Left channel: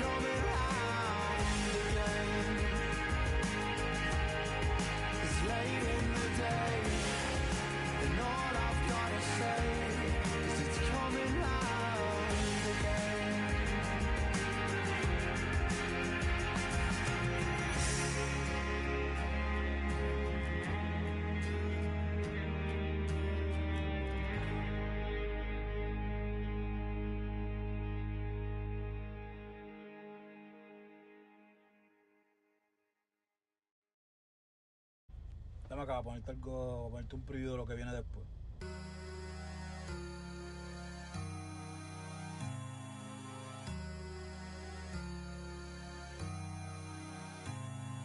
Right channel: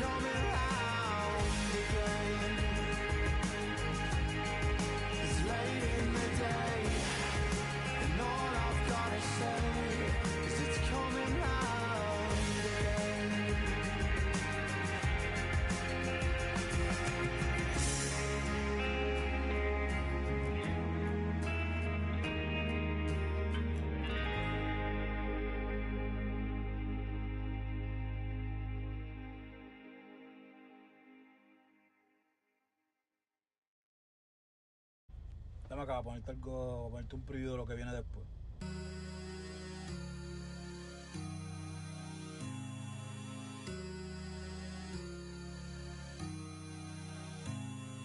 coming round again. It's late in the day, and all I've gotta say is it's coming round again. Dame acá, ponerte algo, ponerte un preview de lo que viene después.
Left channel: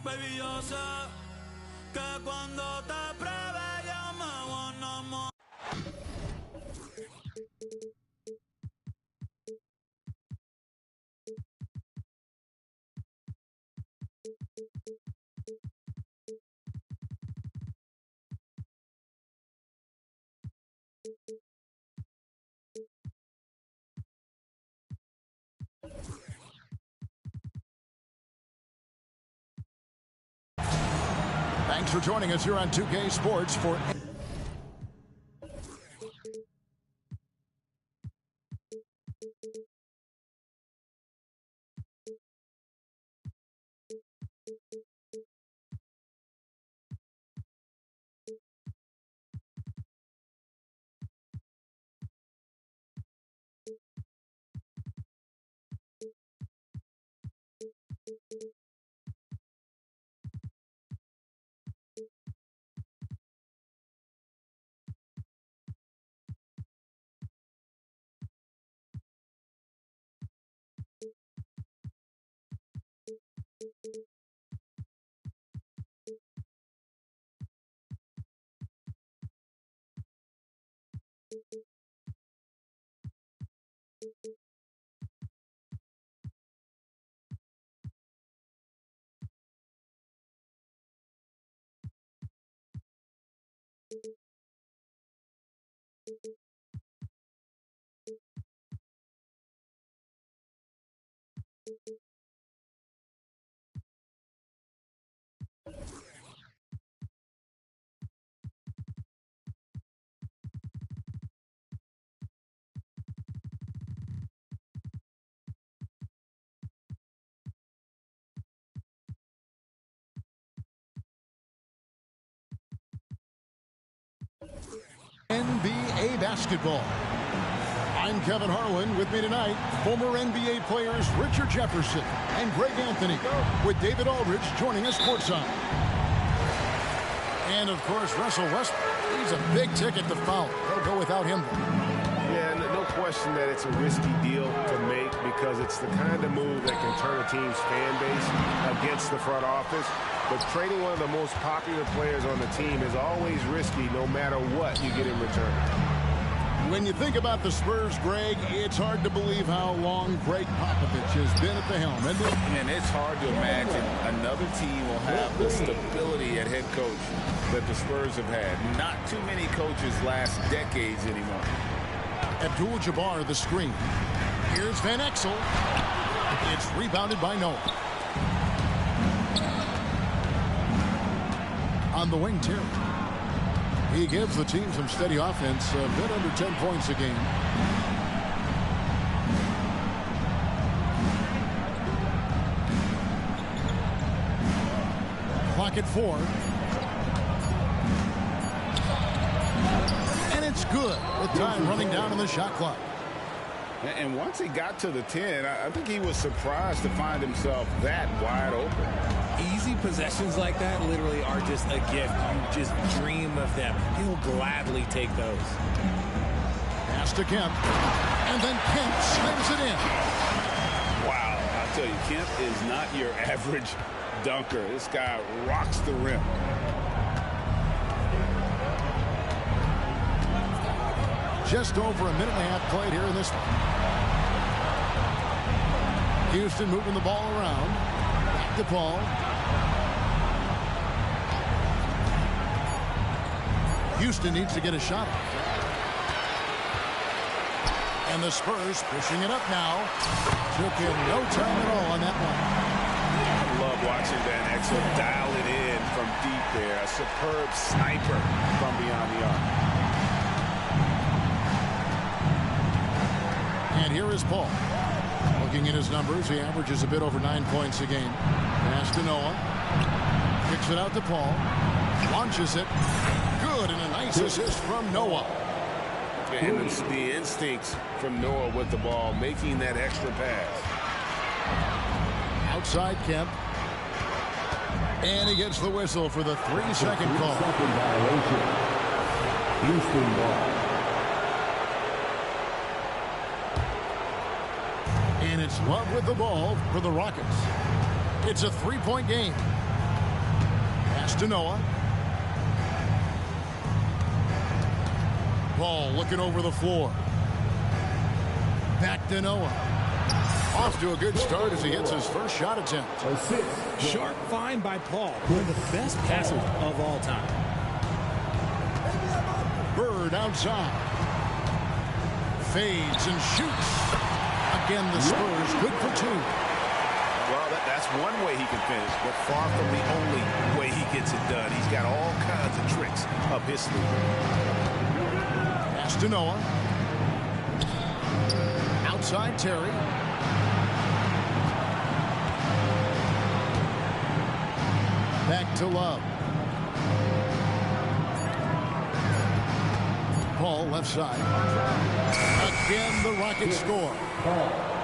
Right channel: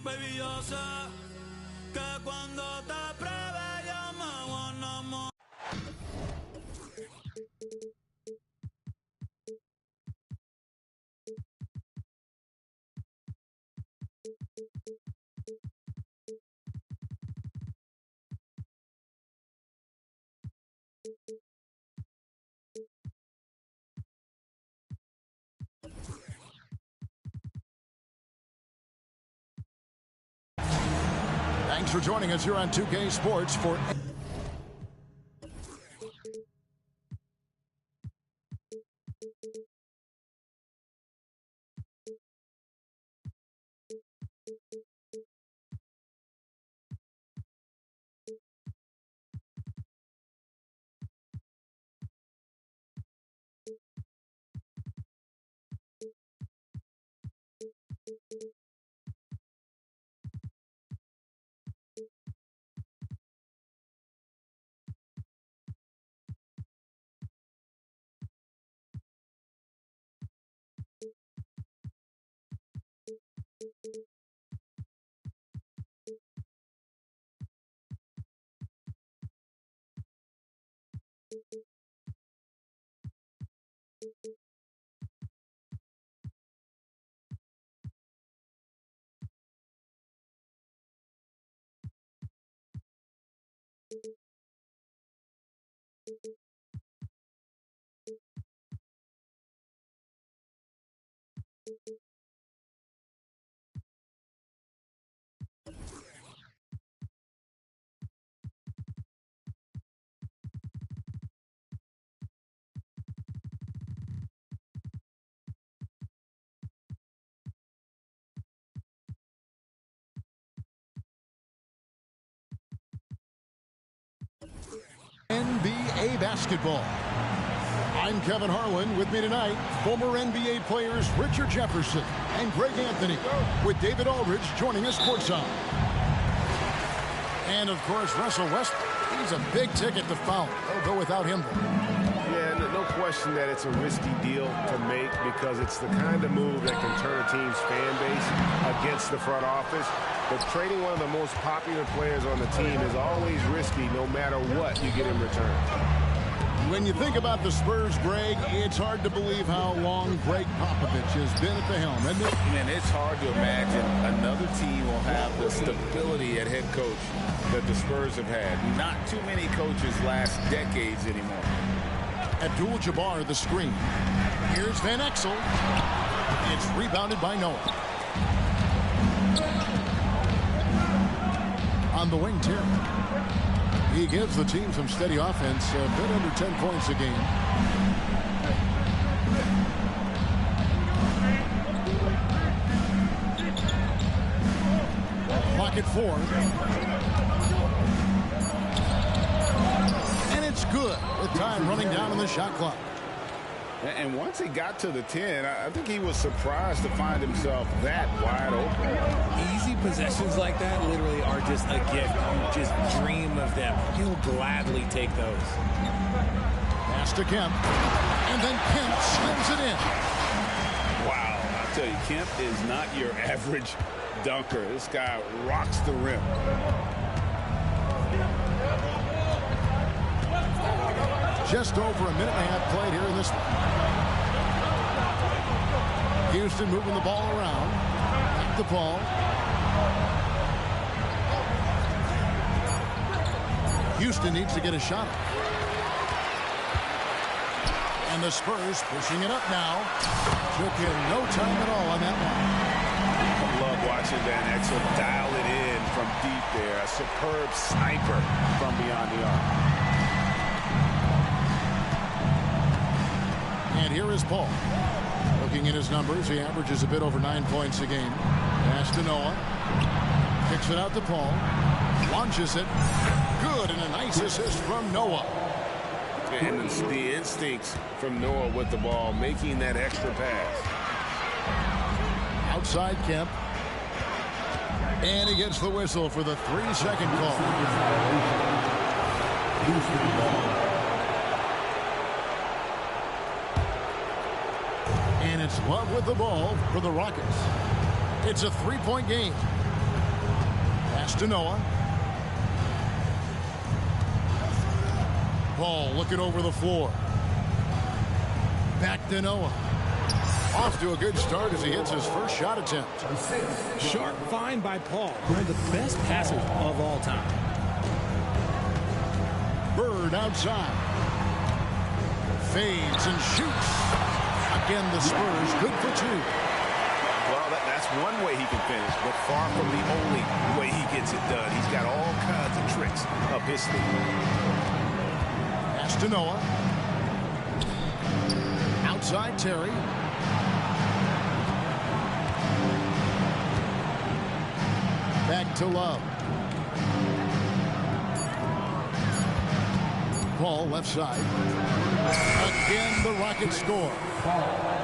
Baby, yo sé que cuando te pruebe yo me voy a enamorar. Thanks for joining us here on 2K Sports for NBA basketball. I'm Kevin Harlan. With me tonight, former NBA players Richard Jefferson and Greg Anthony, with David Aldridge joining us courtside. And, of course, Russell Westbrook. He's a big ticket to foul. They'll go without him, though. Yeah, no question that it's a risky deal to make because it's the kind of move that can turn a team's fan base against the front office. But trading one of the most popular players on the team is always risky no matter what you get in return. When you think about the Spurs, Greg, it's hard to believe how long Greg Popovich has been at the helm, isn't it? Man, it's hard to imagine another team will have the stability at head coach that the Spurs have had. Not too many coaches last decades anymore. Abdul-Jabbar, the screen. Here's Van Exel. It's rebounded by Noah. On the wing, Terry. He gives the team some steady offense, a bit under 10 points a game. Clock at 4. And it's good with time running down on the shot clock. And once he got to the 10, I think he was surprised to find himself that wide open. Easy possessions like that literally are just a gift. You just dream of them. He'll gladly take those. Pass to Kemp. And then Kemp slams it in. Wow, I tell you, Kemp is not your average dunker. This guy rocks the rim. Just over a minute and a half played here in this one. Houston moving the ball around. Back to Paul. Houston needs to get a shot up. And the Spurs pushing it up now. Took him no time at all on that one. I love watching Van Exel dial it in from deep there. A superb sniper from beyond the arc. And here is Paul. Looking at his numbers, he averages a bit over 9 points a game. Pass to Noah. Kicks it out to Paul. Launches it. Good, and a nice assist from Noah. And the instincts from Noah with the ball, making that extra pass. Outside Kemp. And he gets the whistle for the 3-second call. Houston ball. And it's Love with the ball for the Rockets. It's a 3-point game. Pass to Noah. Paul looking over the floor. Back to Noah. Off to a good start as he hits his first shot attempt. Sharp find by Paul, one of the best passers of all time. Bird outside. Fades and shoots. Again, the Spurs good for 2. Well, that's one way he can finish, but far from the only way he gets it done. He's got all kinds of tricks up his sleeve. Pass to Noah. Outside Terry. Back to Love. Paul left side. Again, the Rockets score.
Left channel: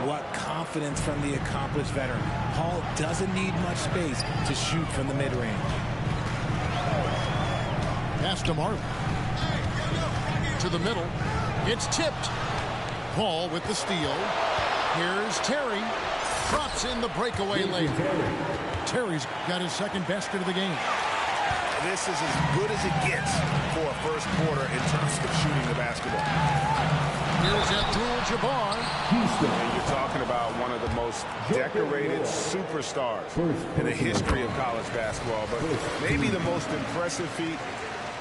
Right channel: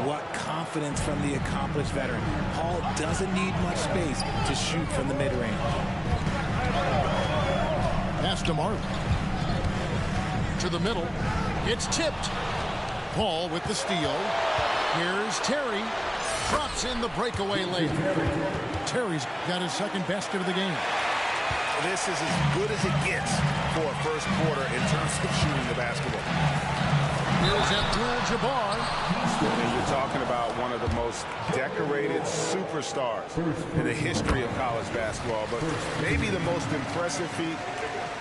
What confidence from the accomplished veteran. Paul doesn't need much space to shoot from the mid-range. Pass to Marley. To the middle. It's tipped. Paul with the steal. Here's Terry. Drops in the breakaway layup. Terry's got his second basket of the game. This is as good as it gets for a first quarter in terms of shooting the basketball. Here's Abdul-Jabbar. And you're talking about one of the most decorated superstars in the history of college basketball, but maybe the most impressive feat.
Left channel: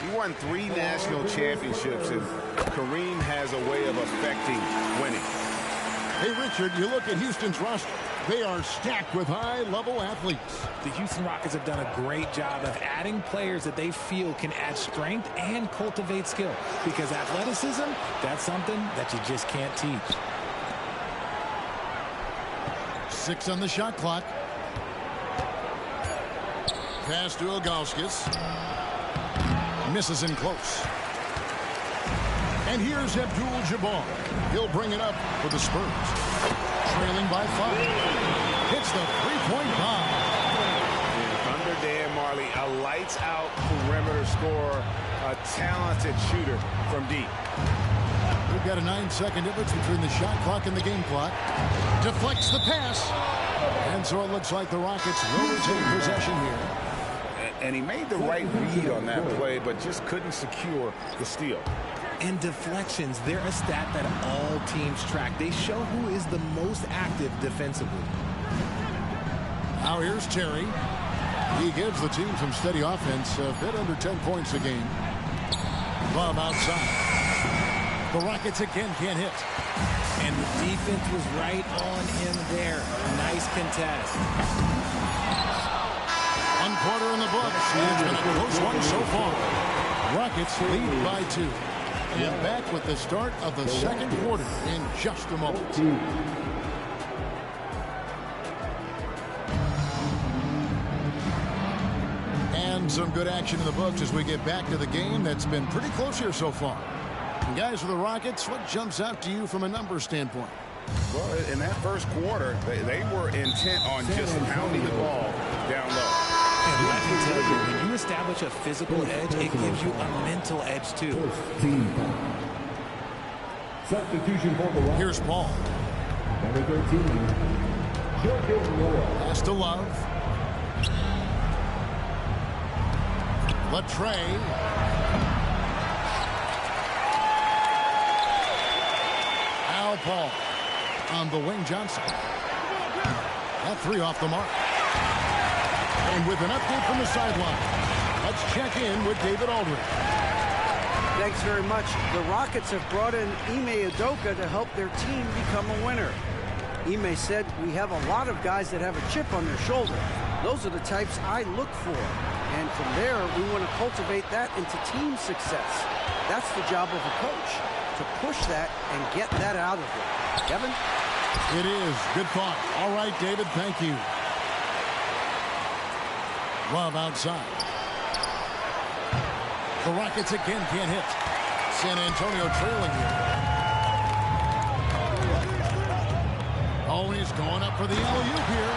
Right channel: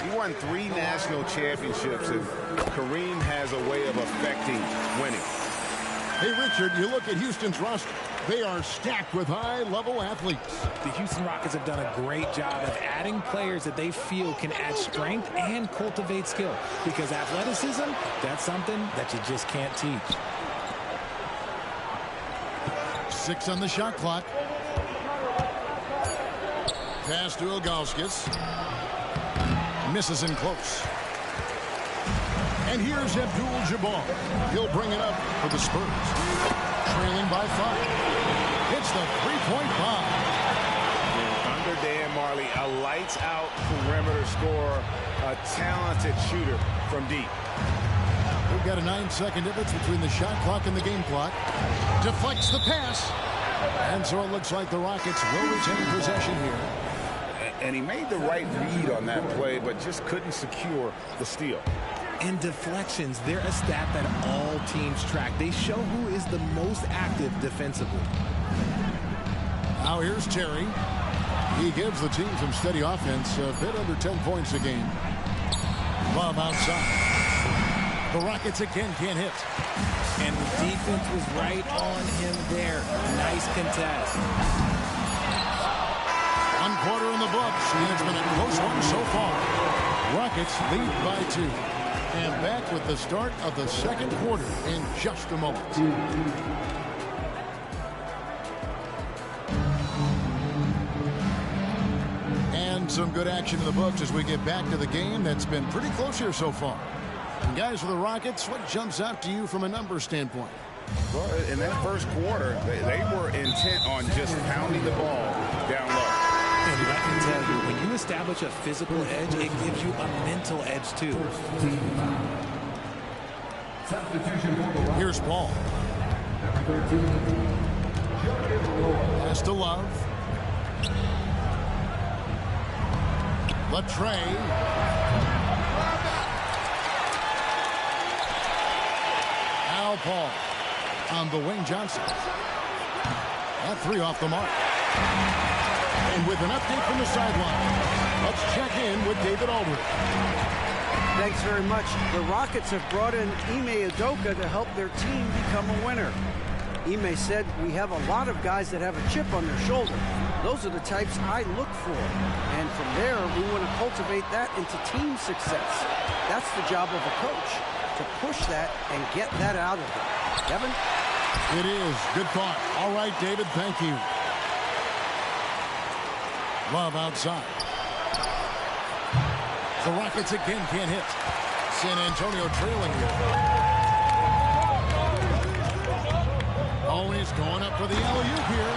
He won 3 national championships, and Kareem has a way of affecting winning. Hey, Richard, you look at Houston's roster. They are stacked with high-level athletes. The Houston Rockets have done a great job of adding players that they feel can add strength and cultivate skill. Because athleticism, that's something that you just can't teach. 6 on the shot clock. Pass to Ilgauskas. Misses in close. And here's Abdul-Jabbar. He'll bring it up for the Spurs. Trailing by 5. Hits the 3-point bomb. And under Dan Marley, a lights-out perimeter scorer, a talented shooter from deep. We've got a 9-second difference between the shot clock and the game clock. Deflects the pass. And so it looks like the Rockets will retain possession here. And he made the right read on that play, but just couldn't secure the steal. And deflections, they're a stat that all teams track. They show who is the most active defensively. Now here's Terry. He gives the team some steady offense, a bit under 10 points a game. Love outside. The Rockets again can't hit. And the defense was right on him there. Nice contest. 1 quarter in the books, and it's been a close one so far. Rockets lead by 2. And back with the start of the second quarter in just a moment. And some good action in the books as we get back to the game that's been pretty close here so far. And guys, for the Rockets, what jumps out to you from a numbers standpoint? Well, in that first quarter, they were intent on just pounding the ball down low. And let me tell you, when you establish a physical edge, it gives you a mental edge too. Substitution for the Rockets. Here's Paul. Number 13. Pass to Love. Latrey. Al Paul on the wing. Johnson. That 3 off the mark. And with an update from the sideline, let's check in with David Aldridge. Thanks very much. The Rockets have brought in Ime Udoka to help their team become a winner. Ime said, we have a lot of guys that have a chip on their shoulder. Those are the types I look for. And from there, we want to cultivate that into team success. That's the job of a coach, to push that and get that out of them. Kevin? It is. Good thought. All right, David, thank you. Love outside. The Rockets again can't hit. San Antonio trailing here. Oh, he's going up for the alley-oop here.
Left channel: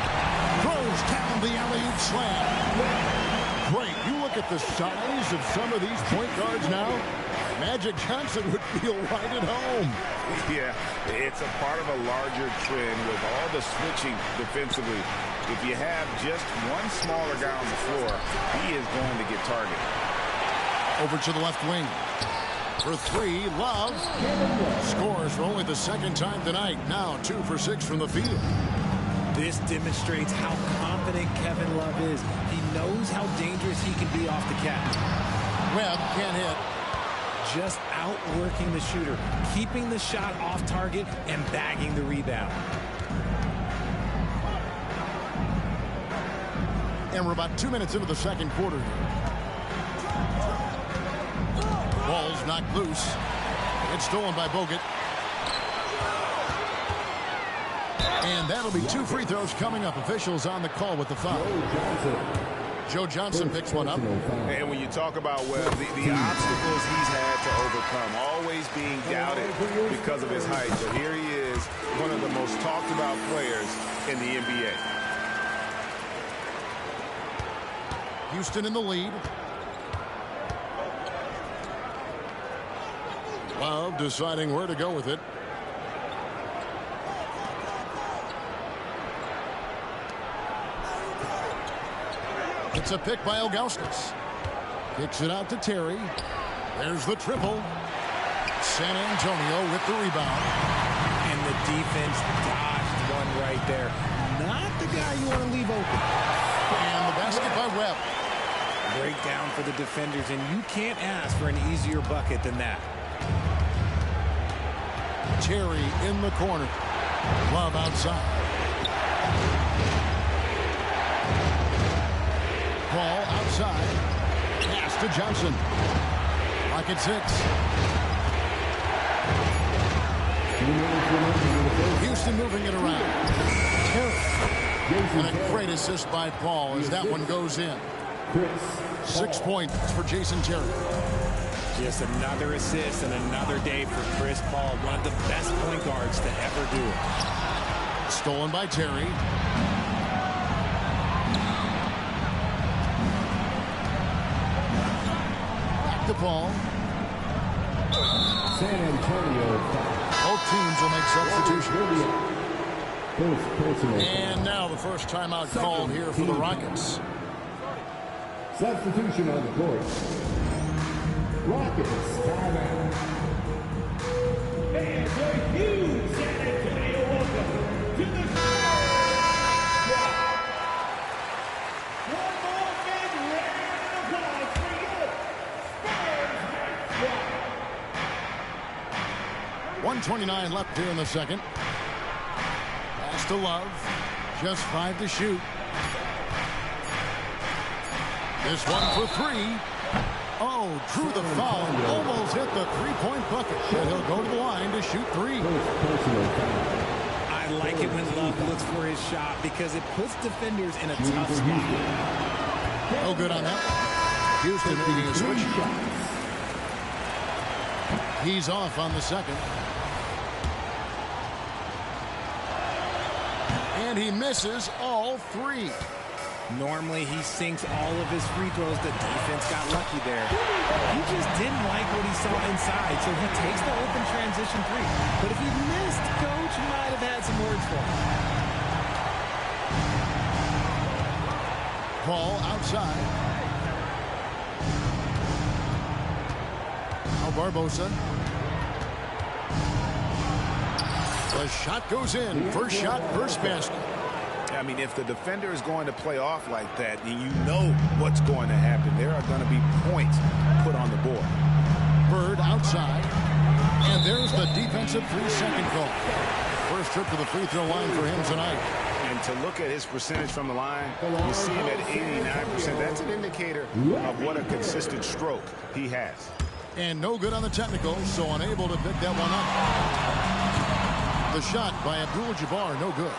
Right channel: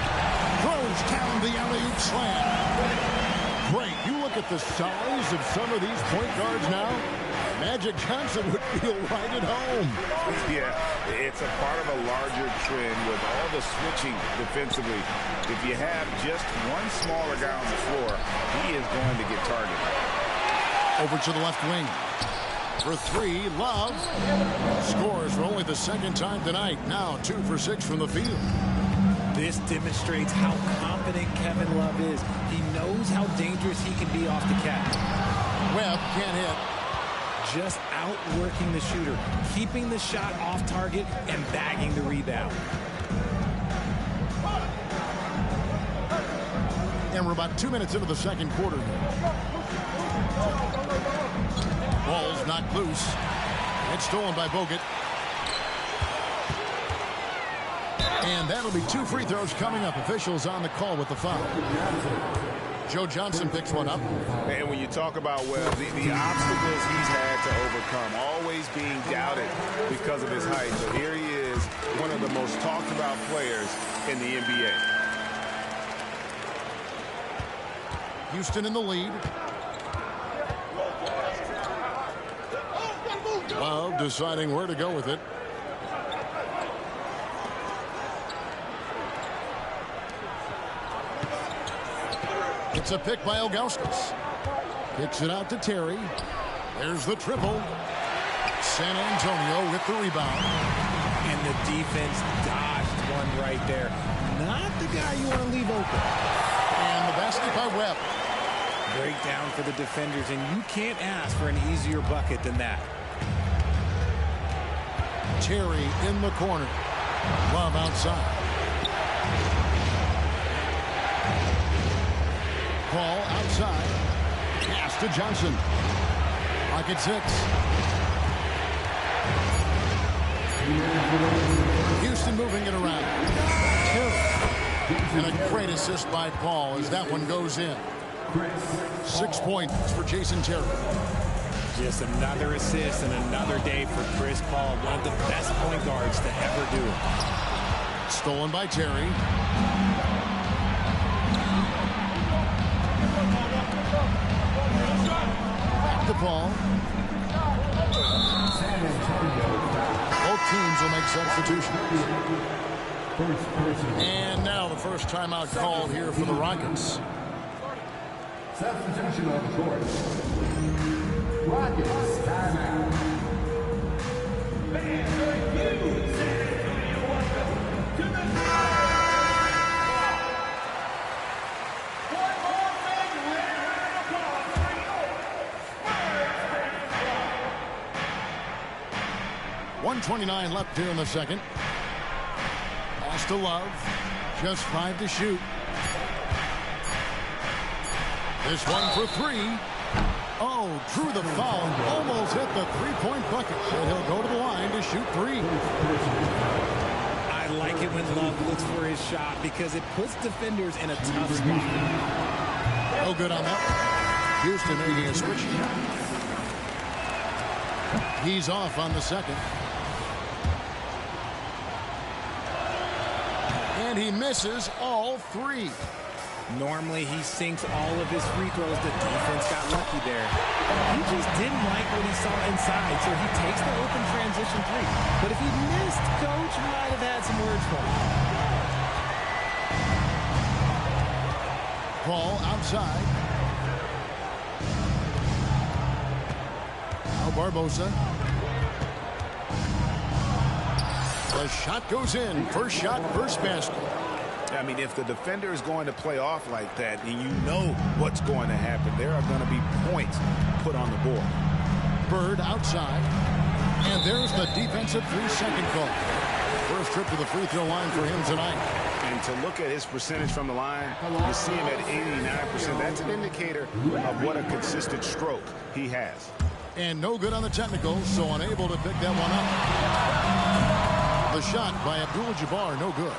Throws down the alley-oop slam. Great. You look at the size of some of these point guards now. Magic Johnson would feel right at home. Yeah, it's a part of a larger trend with all the switching defensively. If you have just one smaller guy on the floor, he is going to get targeted. Over to the left wing. For three, Love. Scores for only the second time tonight. Now 2 for 6 from the field. This demonstrates how confident Kevin Love is. He knows how dangerous he can be off the catch. Webb can't hit. Just outworking the shooter, keeping the shot off target and bagging the rebound. And we're about 2 minutes into the second quarter here. Ball's knocked loose. It's stolen by Bogut. And that'll be 2 free throws coming up. Officials on the call with the foul. Joe Johnson picks one up. And when you talk about Webb, the obstacles he's had to overcome, always being doubted because of his height. But here he is, one of the most talked about players in the NBA. Houston in the lead. Love deciding where to go with it. It's a pick by Ilgauskas. Kicks it out to Terry. There's the triple. San Antonio with the rebound. And the defense dodged one right there. Not the guy you want to leave open. And the basket by Webb. Breakdown for the defenders, and you can't ask for an easier bucket than that. Terry in the corner. Love outside. Ball outside. Pass to Johnson. Pocket 6. Houston moving it around. Terry. And a great assist by Paul as that one goes in. 6 points for Jason Terry. Just another assist and another day for Chris Paul, one of the best point guards to ever do it. Stolen by Terry. Back to Paul. San Antonio. Both teams will make substitutions. First personal. And now the first timeout called here for the Rockets. Substitution on the court. Rockets timeout. And the huge San Antonio welcome to the Spurs. One more big round of applause for your Spurs. 1:29 left here in the second. Pass to Love. Just 5 to shoot. This one for 3. Oh, drew the foul and almost hit the three-point bucket. And he'll go to the line to shoot 3. I like it when Love looks for his shot because it puts defenders in a tough spot. No good on that one. Houston making a switch. He's off on the second. And he misses all 3. Normally, he sinks all of his free throws. The defense got lucky there. He just didn't like what he saw inside, so he takes the open transition 3. But if he missed, Coach might have had some words for him. Paul outside. Now Barbosa. The shot goes in. First shot, first basket. I mean, if the defender is going to play off like that, then you know what's going to happen. There are going to be points put on the board. Bird outside. And there's the defensive 3-second call. First trip to the free throw line for him tonight. And to look at his percentage from the line, you see him at 89%. That's an indicator of what a consistent stroke he has. And no good on the technical, so unable to pick that one up. The shot by Abdul-Jabbar, no good.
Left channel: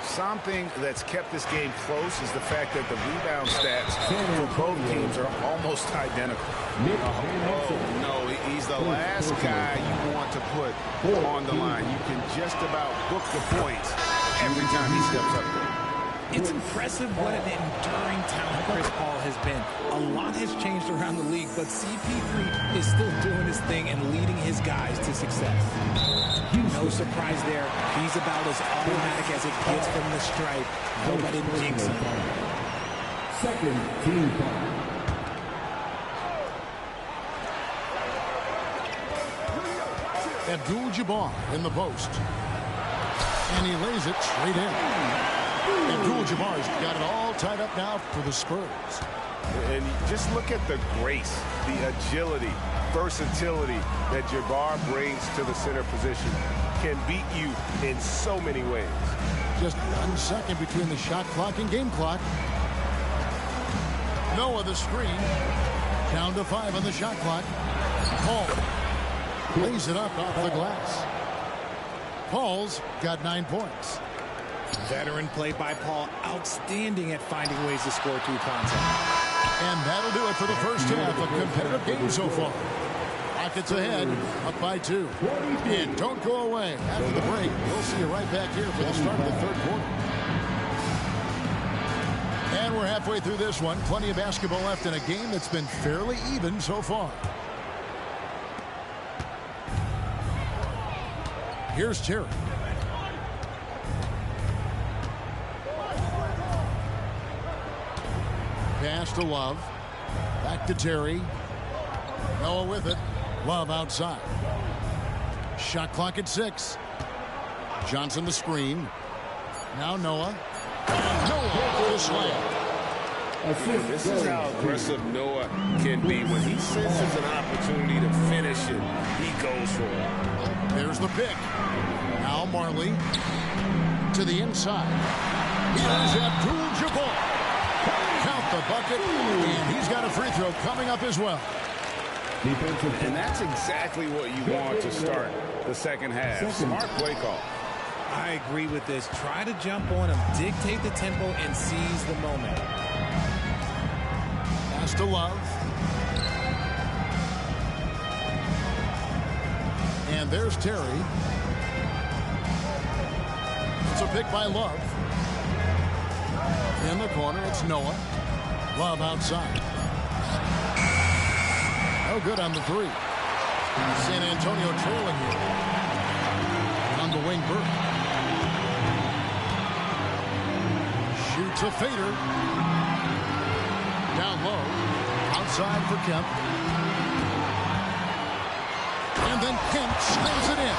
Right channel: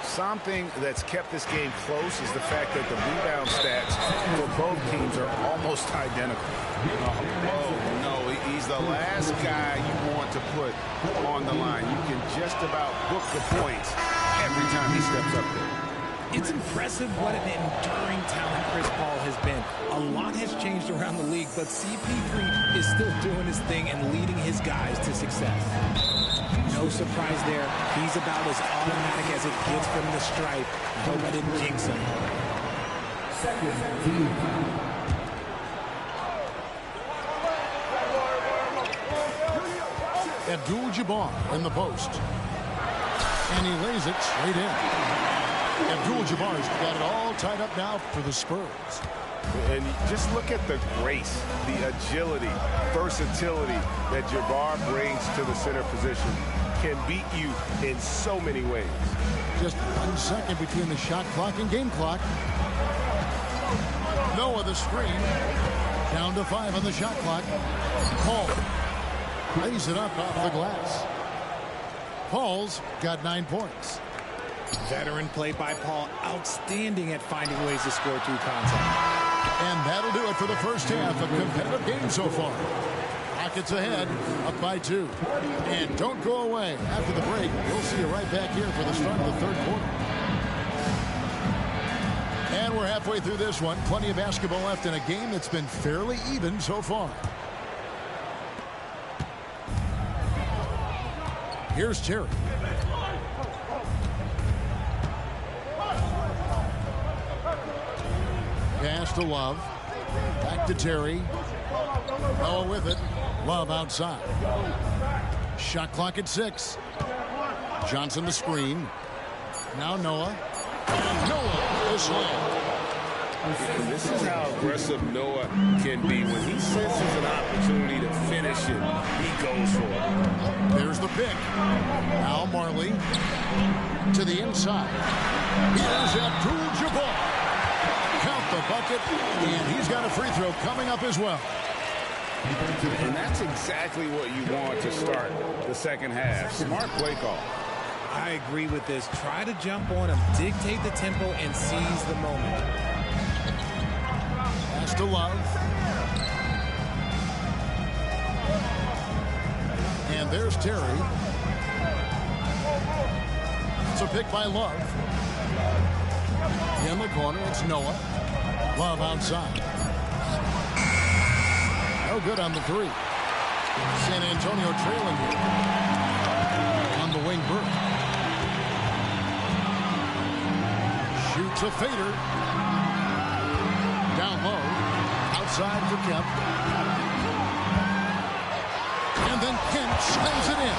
Something that's kept this game close is the fact that the rebound stats for both teams are almost identical. Oh, no, he's the last guy you want to put on the line. You can just about book the points every time he steps up there. It's impressive what an enduring talent Chris Paul has been. A lot has changed around the league, but CP3 is still doing his thing and leading his guys to success. No surprise there. He's about as automatic as it gets from the stripe. I hope I didn't jinx him. Second team. Abdul-Jabbar in the post. And he lays it straight in. Abdul-Jabbar's got it all tied up now for the Spurs. And just look at the grace, the agility, versatility that Jabbar brings to the center position. Can beat you in so many ways. Just 1 second between the shot clock and game clock. Noah the screen. Down to 5 on the shot clock. Paul lays it up off the glass. Paul's got 9 points. Veteran play by Paul. Outstanding at finding ways to score through contact. And that'll do it for the first half. A competitive game so far. Rockets ahead, up by 2. And don't go away. After the break, we'll see you right back here for the start of the third quarter. And we're halfway through this one. Plenty of basketball left in a game that's been fairly even so far. Here's Terry. Pass to Love. Back to Terry. Noah with it. Love outside. Shot clock at 6. Johnson the screen. Now Noah. And Noah with the slam. And this is how aggressive Noah can be. When he senses an opportunity to finish it, he goes for it. There's the pick. Now Marley to the inside. Here's Abdul-Jabbar. Count the bucket, and he's got a free throw coming up as well. And that's exactly what you want to start the second half. Smart play call. I agree with this. Try to jump on him, dictate the tempo, and seize the moment. Pass to Love. And there's Terry. It's a pick by Love. In the corner, it's Noah. Love outside. No good on the 3. San Antonio trailing here. On the wing, Burke. Shoots a fader. Down low. Outside for Kemp. And then Kemp slams it in.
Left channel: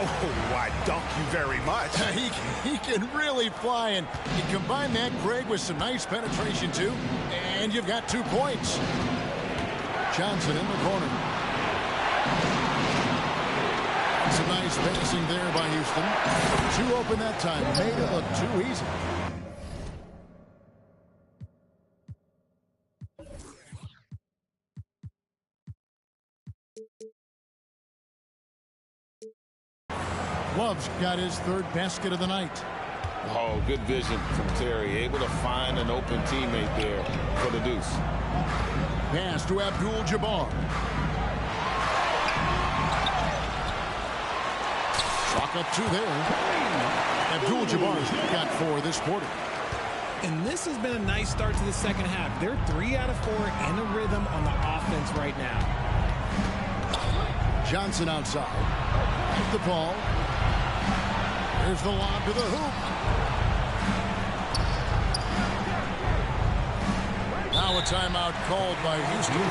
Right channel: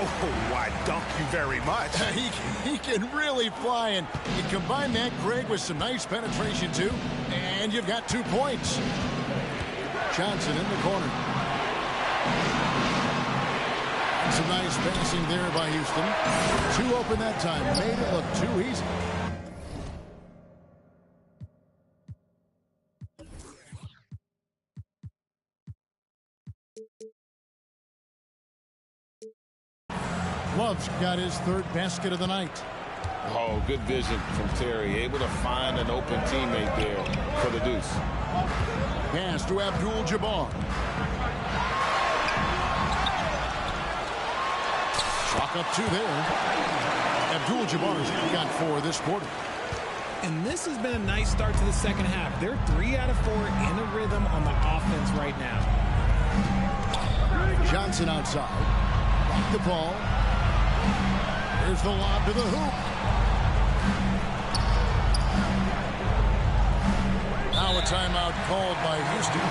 Oh, why, dunk you very much. He can really fly, and you combine that, Greg, with some nice penetration, too, and you've got 2 points. Johnson in the corner. And some nice passing there by Houston. 2 open that time. Made it look too easy. Love's got his 3rd basket of the night. Oh, good vision from Terry. Able to find an open teammate there for the deuce. Pass to Abdul-Jabbar. Clock up 2 there. Abdul-Jabbar's got 4 this quarter. And this has been a nice start to the second half. They're 3 out of 4 in a rhythm on the offense right now. Johnson outside. Back to Paul. Here's the lob to the hoop. Now a timeout called by Houston.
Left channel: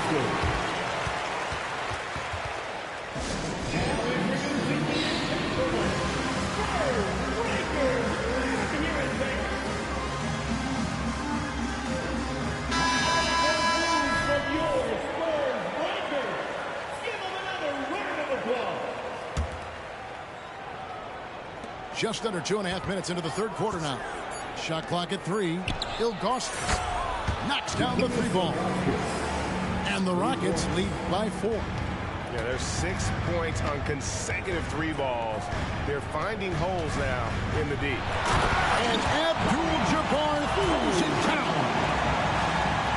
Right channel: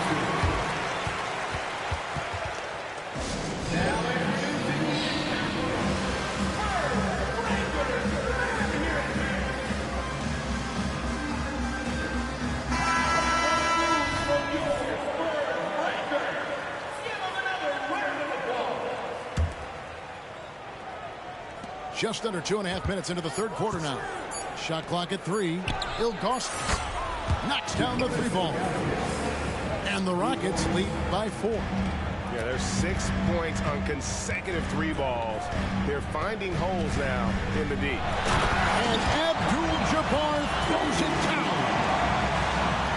Just under 2.5 minutes into the third quarter now. Shot clock at 3. Ilgauskas knocks down the 3 ball. And the Rockets lead by 4. Yeah, there's 6 points on consecutive 3 balls. They're finding holes now in the D. And Abdul-Jabbar throws it down.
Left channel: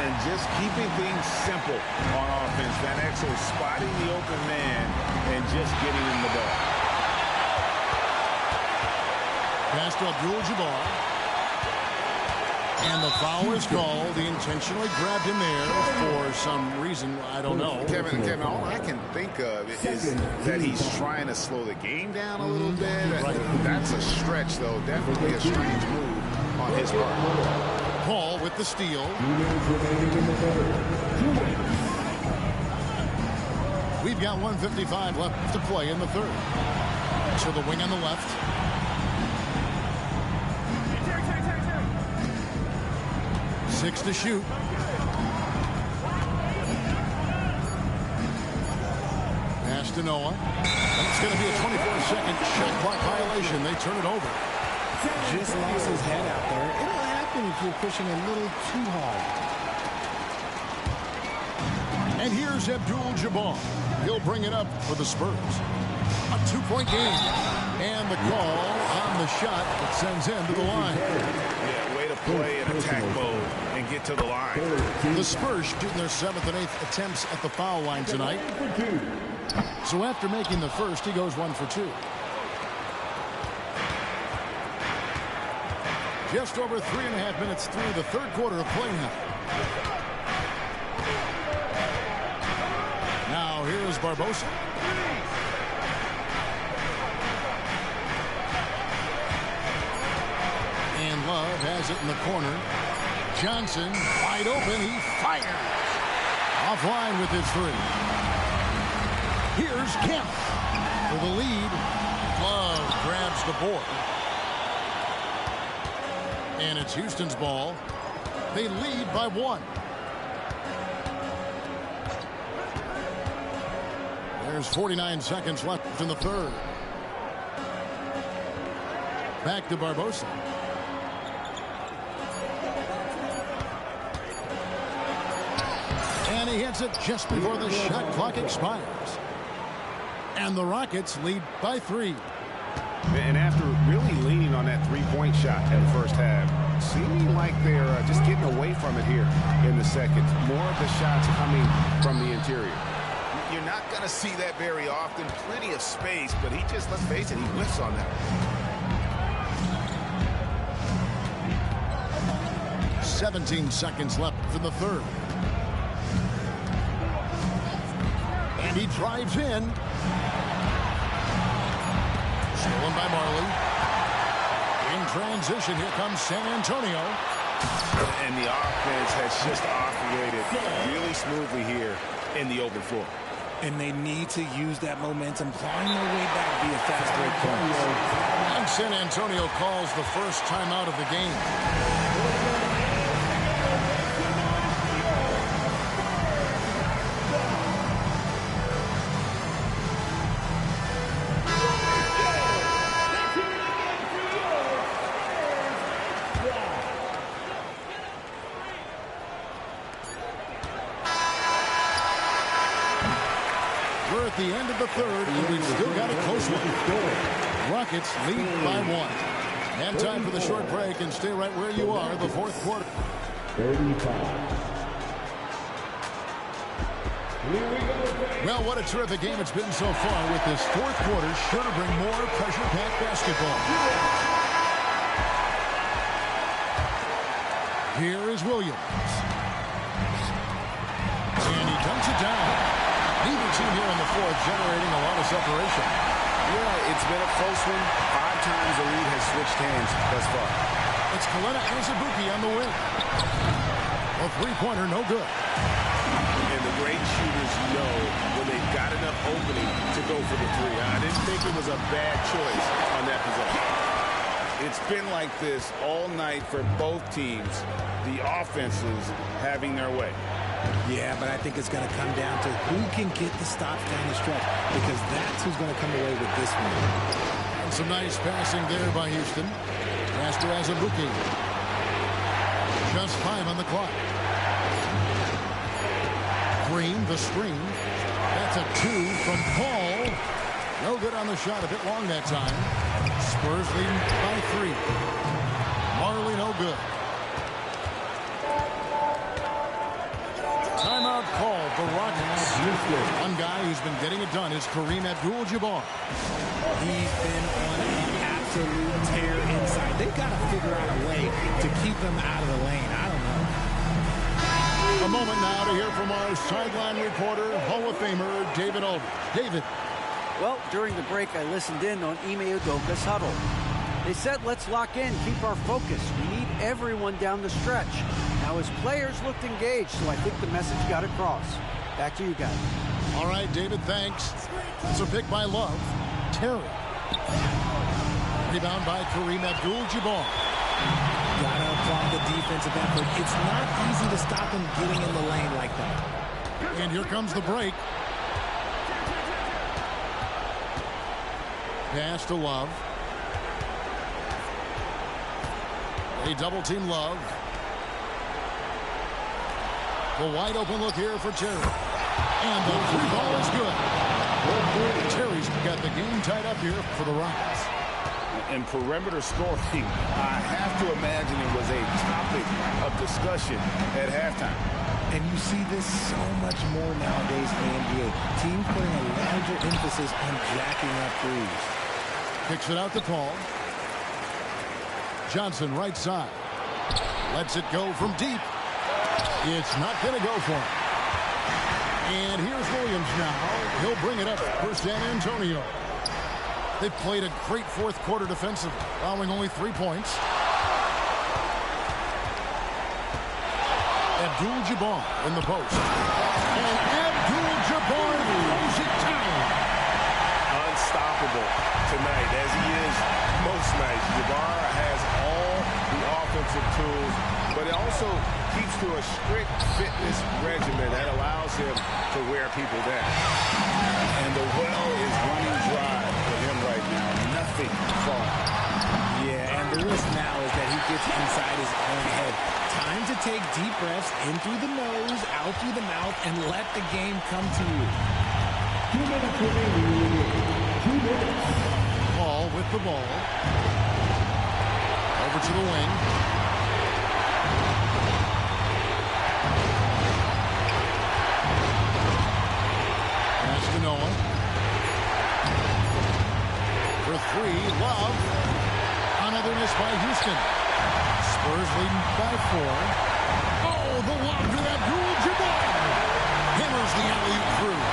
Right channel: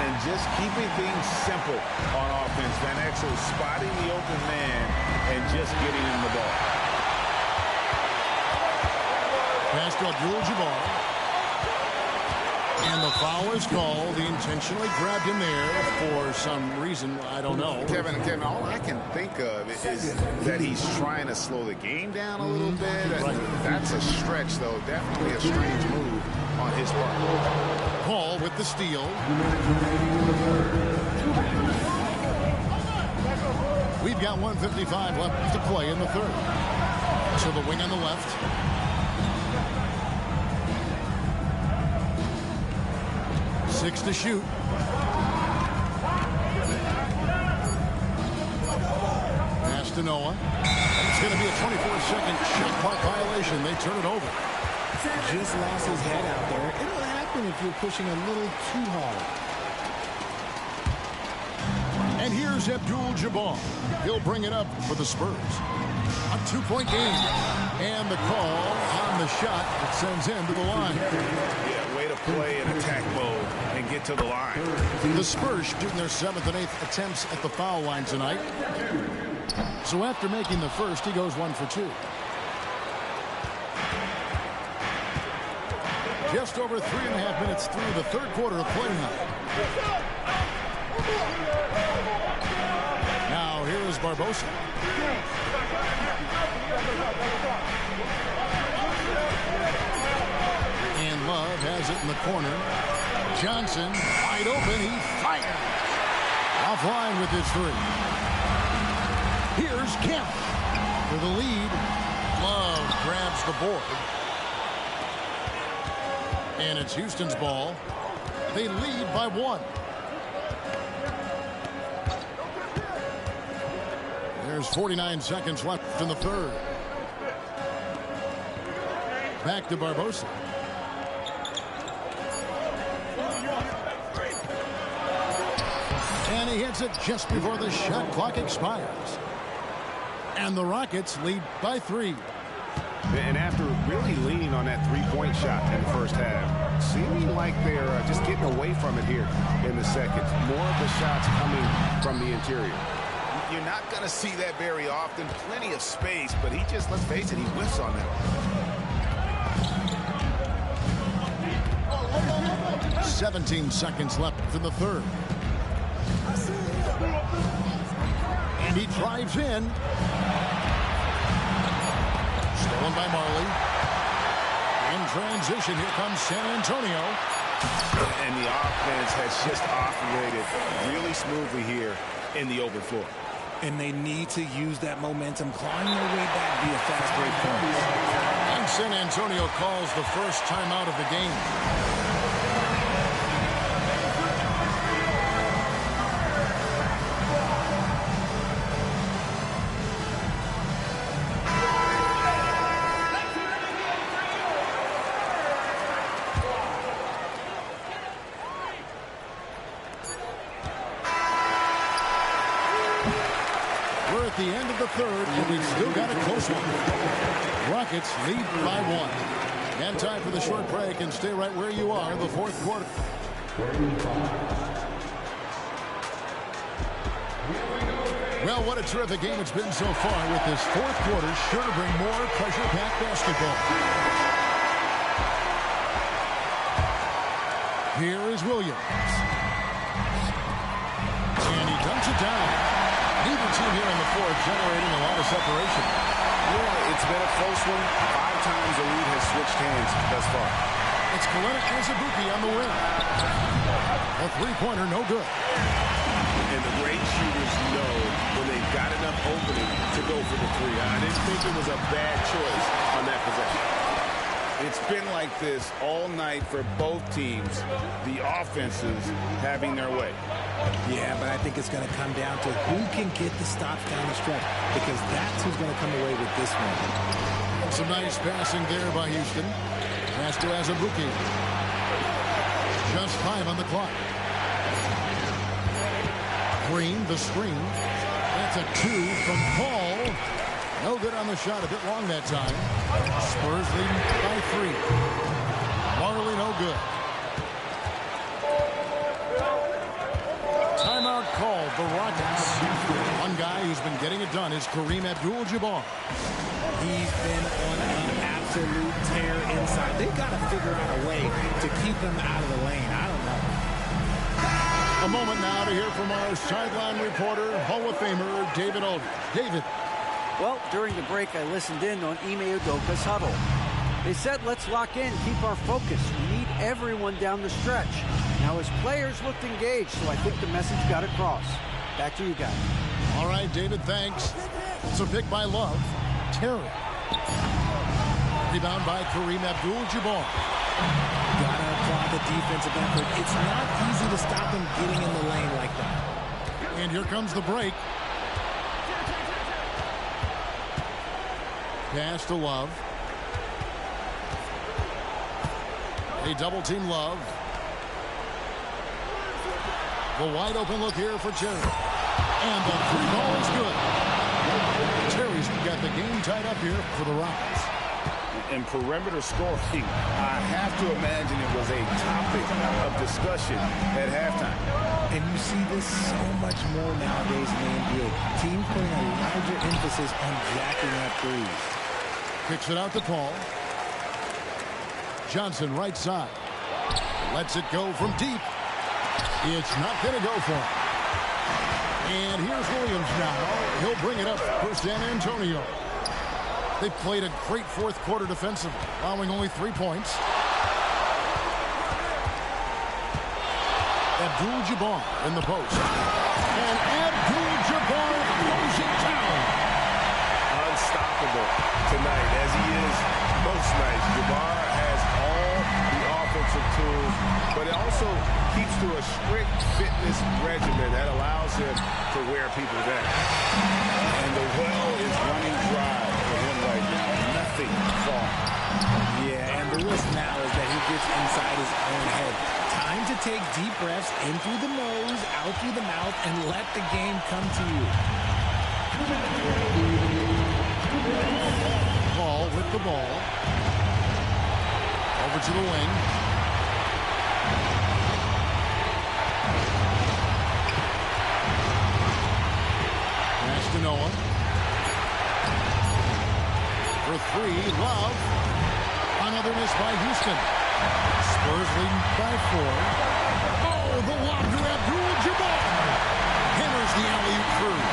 And just keeping things simple on offense. Van Exel spotting the open man and just getting him the ball. Pass to Abdul-Jabbar. And the foul is called. He intentionally grabbed him there for some reason. I don't know. Kevin, all I can think of is that he's trying to slow the game down a little bit. Right. That's a stretch, though. Definitely a strange move on his part. Paul with the steal. We've got 1:55 left to play in the third. So the wing on the left. Six to shoot. Pass to Noah. And it's going to be a 24-second shot clock violation. They turn it over. Just lost his head out there. It'll happen if you're pushing a little too hard. And here's Abdul-Jabbar. He'll bring it up for the Spurs. A 2-point game. And the call on the shot that sends him to the line. Yeah, way to play in attack mode and get to the line. The Spurs shooting their 7th and 8th attempts at the foul line tonight. So after making the first, he goes 1 for 2. Just over 3.5 minutes through the third quarter of play now. Now here is Barbosa. And Love has it in the corner. Johnson wide open. He fires. Offline with his 3. Here's Kemp for the lead. Love grabs the board. And it's Houston's ball. They lead by 1. There's 49 seconds left in the third. Back to Barbosa. And he hits it just before the shot clock expires. And the Rockets lead by 3. And after really leaning on that 3-point shot in the first half, seeming like they're just getting away from it here in the second. More of the shots coming from the interior. You're not going to see that very often. Plenty of space, but he just, let's face it, he whiffs on that one. 17 seconds left in the third. And he drives in. Stolen by Marley. In transition, here comes San Antonio. And the offense has just operated really smoothly here in the open floor. And they need to use that momentum, clawing their way back via fast break points. And San Antonio calls the first timeout of the game. We're at the end of the third, and we've still got a close one. Rockets lead by 1. And time for the short break, and stay right where you are, the fourth quarter. Well, what a terrific game it's been so far, with this fourth quarter sure to bring more pressure-packed basketball. Here is Williams. And he dunks it down. Neither team here in the fourth generating a lot of separation. Yeah, it's been a close one. 5 times the lead has switched hands thus far. It's Kalena Azubuike on the wing. A three-pointer, no good. And the great shooters know when they've got enough opening to go for the 3. I didn't think it was a bad choice on that possession. It's been like this all night for both teams. The offenses having their way. Yeah, but I think it's going to come down to who can get the stops down the stretch, because that's who's going to come away with this one. Some nice passing there by Houston. Pass to Azubuike. Just 5 on the clock. Green, the screen. That's a 2 from Paul. No good on the shot. A bit long that time. Spurs leading by 3. Marley no good. Timeout called the Rockets. One guy who's been getting it done is Kareem Abdul-Jabbar. He's been on an absolute tear inside. They've got to figure out a way to keep him out of the lane. I don't know. A moment now to hear from our sideline reporter, Hall of Famer David Aldridge. David. Well, during the break, I listened in on Ime Udoka's huddle. They said, let's lock in, keep our focus. We need everyone down the stretch. Now, his players looked engaged, so I think the message got across. Back to you guys. All right, David, thanks. It's a pick by Love. Terry. Rebound by Kareem Abdul-Jabbar. Gotta applaud the defensive effort. It's not easy to stop him getting in the lane like that. And here comes the break. Pass to Love. They double team Love. The wide open look here for Terry. And the 3-ball is good. Terry's got the game tied up here for the Rockets. And perimeter scoring, I have to imagine it was a topic of discussion at halftime. And you see this so much more nowadays in the NBA. Teams putting a larger emphasis on jacking up threes. Kicks it out to Paul. Johnson right side. Lets it go from deep. It's not going to go for him. And here's Williams now. He'll bring it up for San Antonio. They've played a great fourth quarter defensively, allowing only 3 points. Abdul-Jabbar in the post. And Abdul-Jabbar throws it down. Unstoppable tonight, as he is most nights. Jabbar has all the offensive tools, but it also keeps to a strict fitness regimen that allows him to wear people down. And the well is running dry for him right now. Nothing falling. Yeah, and the risk now is that he gets inside his own head. Time to take deep breaths in through the nose, out through the mouth, and let the game come to you. Paul with the ball. Over to the wing. Pass to Noah. For 3, Love. Another miss by Houston. Spurs leading by 4. Oh, the lob to Abdul-Jabbar. Hammers the alley-oop through.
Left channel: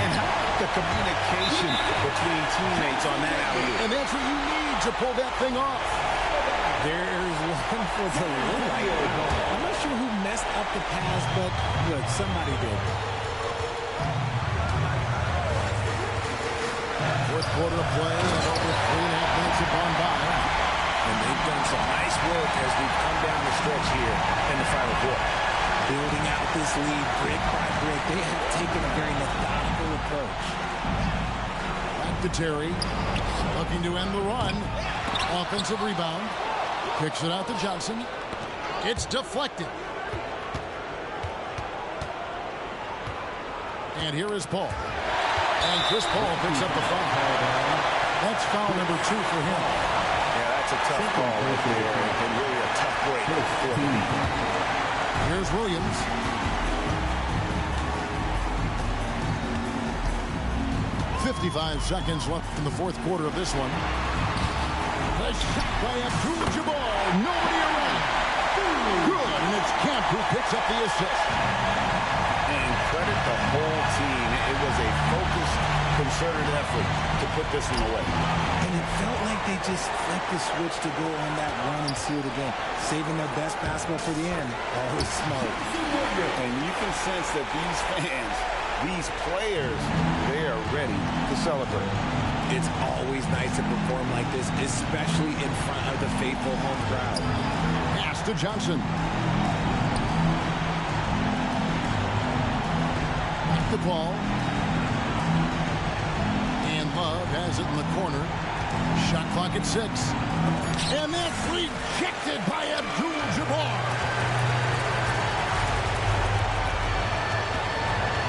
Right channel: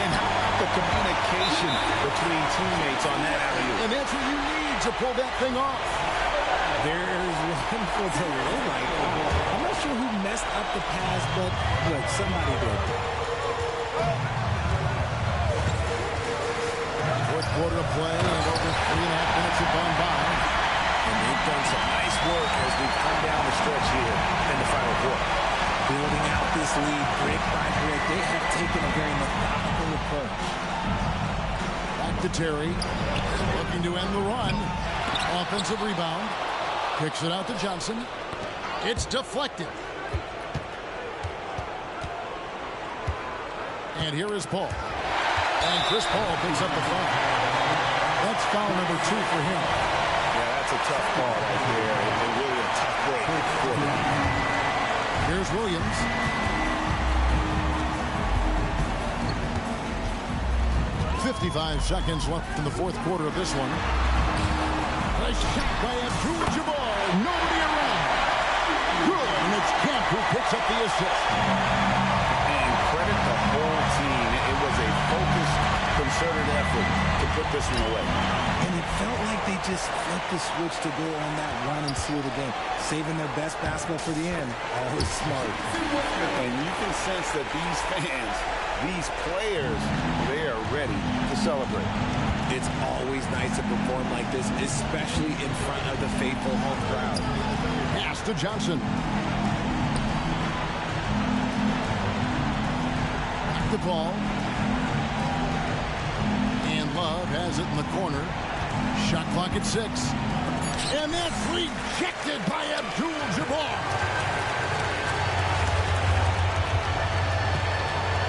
And how about the communication between teammates on that alley-oop? And that's what you need to pull that thing off. There's one for the low light. I'm not sure who messed up the pass, but look, somebody did. Fourth quarter of play, and over 3.5 minutes have gone by. And they've done some nice work as we've come down the stretch here in the final quarter. Building out this lead brick by brick. They have taken a very methodical approach. Back to Terry. Looking to end the run. Offensive rebound. Kicks it out to Johnson. It's deflected. And here is Paul. And Chris Paul picks up the foul. That's foul number 2 for him. Yeah, that's a tough call right there, and really a tough break for the defense. Here's Williams. .55 seconds left in the fourth quarter of this one. A shot by Abdul-Jabbar. Nobody around. Good, and it's Camp who picks up the assist. And credit the whole team. It was a focused, concerted effort to put this one away. And it felt like they just flipped the switch to go on that run and seal the game. Saving their best basketball for the end. Always smart. And you can sense that these fans, these players, they are ready to celebrate. It's always nice to perform like this, especially in front of the faithful home crowd. Pass to Johnson. Back to Paul. And Love has it in the corner. Shot clock at 6. And that's rejected by Abdul-Jabbar.